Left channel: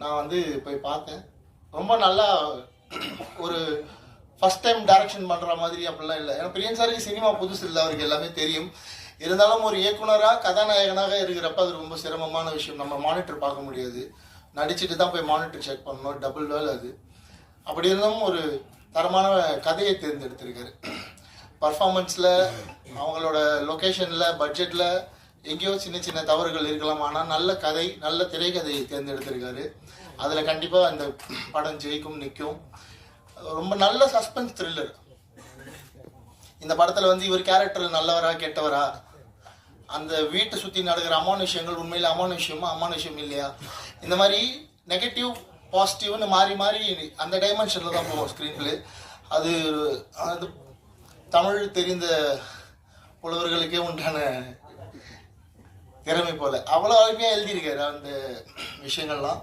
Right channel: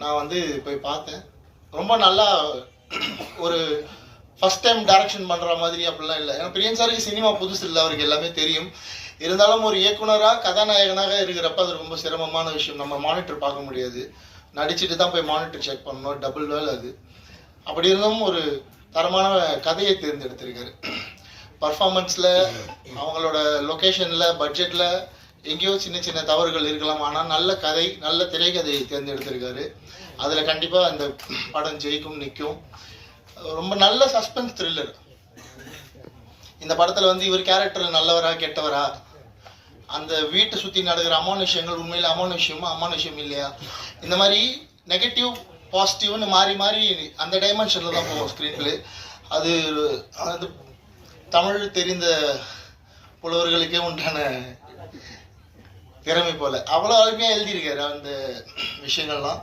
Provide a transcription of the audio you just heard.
நான் வந்து போய் பார்த்தேன். ரொம்ப நல்லா ஒரு ஃபஸ்ட் டைம் டைரக்ஷன் பண்ணுற மாதிரி அப்படிலாம் இல்லை. ஏன்னா பிரியன் சாருக்கு சினிமா புதுசு இல்லை, அவருக்கு எல்லாமே தெரியும். இருந்தாலும் ஒரு இயக்குனராக கதாநாயகனாக இருக்கிறப்ப அது ரொம்ப சிரமமான விஷயம். நம்ம மானிட்டர் பார்க்க முடியாது, நடிச்சுட்டு தான் போய் மானிட்டர் செக் பண்ணணும், டபுள் வேலை அது. அப்படி இருந்தும் ஒரு தரமான கதையை தேர்ந்தெடுத்திருக்காரு. பர்ஃபார்மன்ஸில், அவங்களோட லொக்கேஷனில், பட்ஜெட்டில் எங்கேயோ சின்ன சின்ன தவறுகள் இருக்கலாம். ஆனால் நல்ல கதை, நல்ல திரைக்கதையை தேர்ந்தெடுத்திருக்காரு. அதில் கண்டிப்பாக அந்த படம் ஜெயிக்கும், நிற்கும். ரொம்ப நல்ல சஸ்பென்ஸ் த்ரில்லர். இந்த படத்தில் வந்து இவர் கேரக்டர் நல்லவரா கெட்டவரா, அந்த வீட்டை சுற்றி நடக்கிற அமானுஷ்யங்கள் உண்மையில் அமானுஷ்யமா அமானுஷ்யம் இல்லையா, இந்த மாதிரி நெகட்டிவ் பாசிட்டிவ்னு மாறி மாறி அந்த டைமென்ஷனில் தான் போகும் ஸ்க்ரீன் பிளே. அது அது தமிழ் தெரிந்த புலவர்களுக்கே உண்டான திறமை போல் அவ்வளோ அருமையாக எழுதியிருக்காரு அந்த விஷயங்கள்லாம்.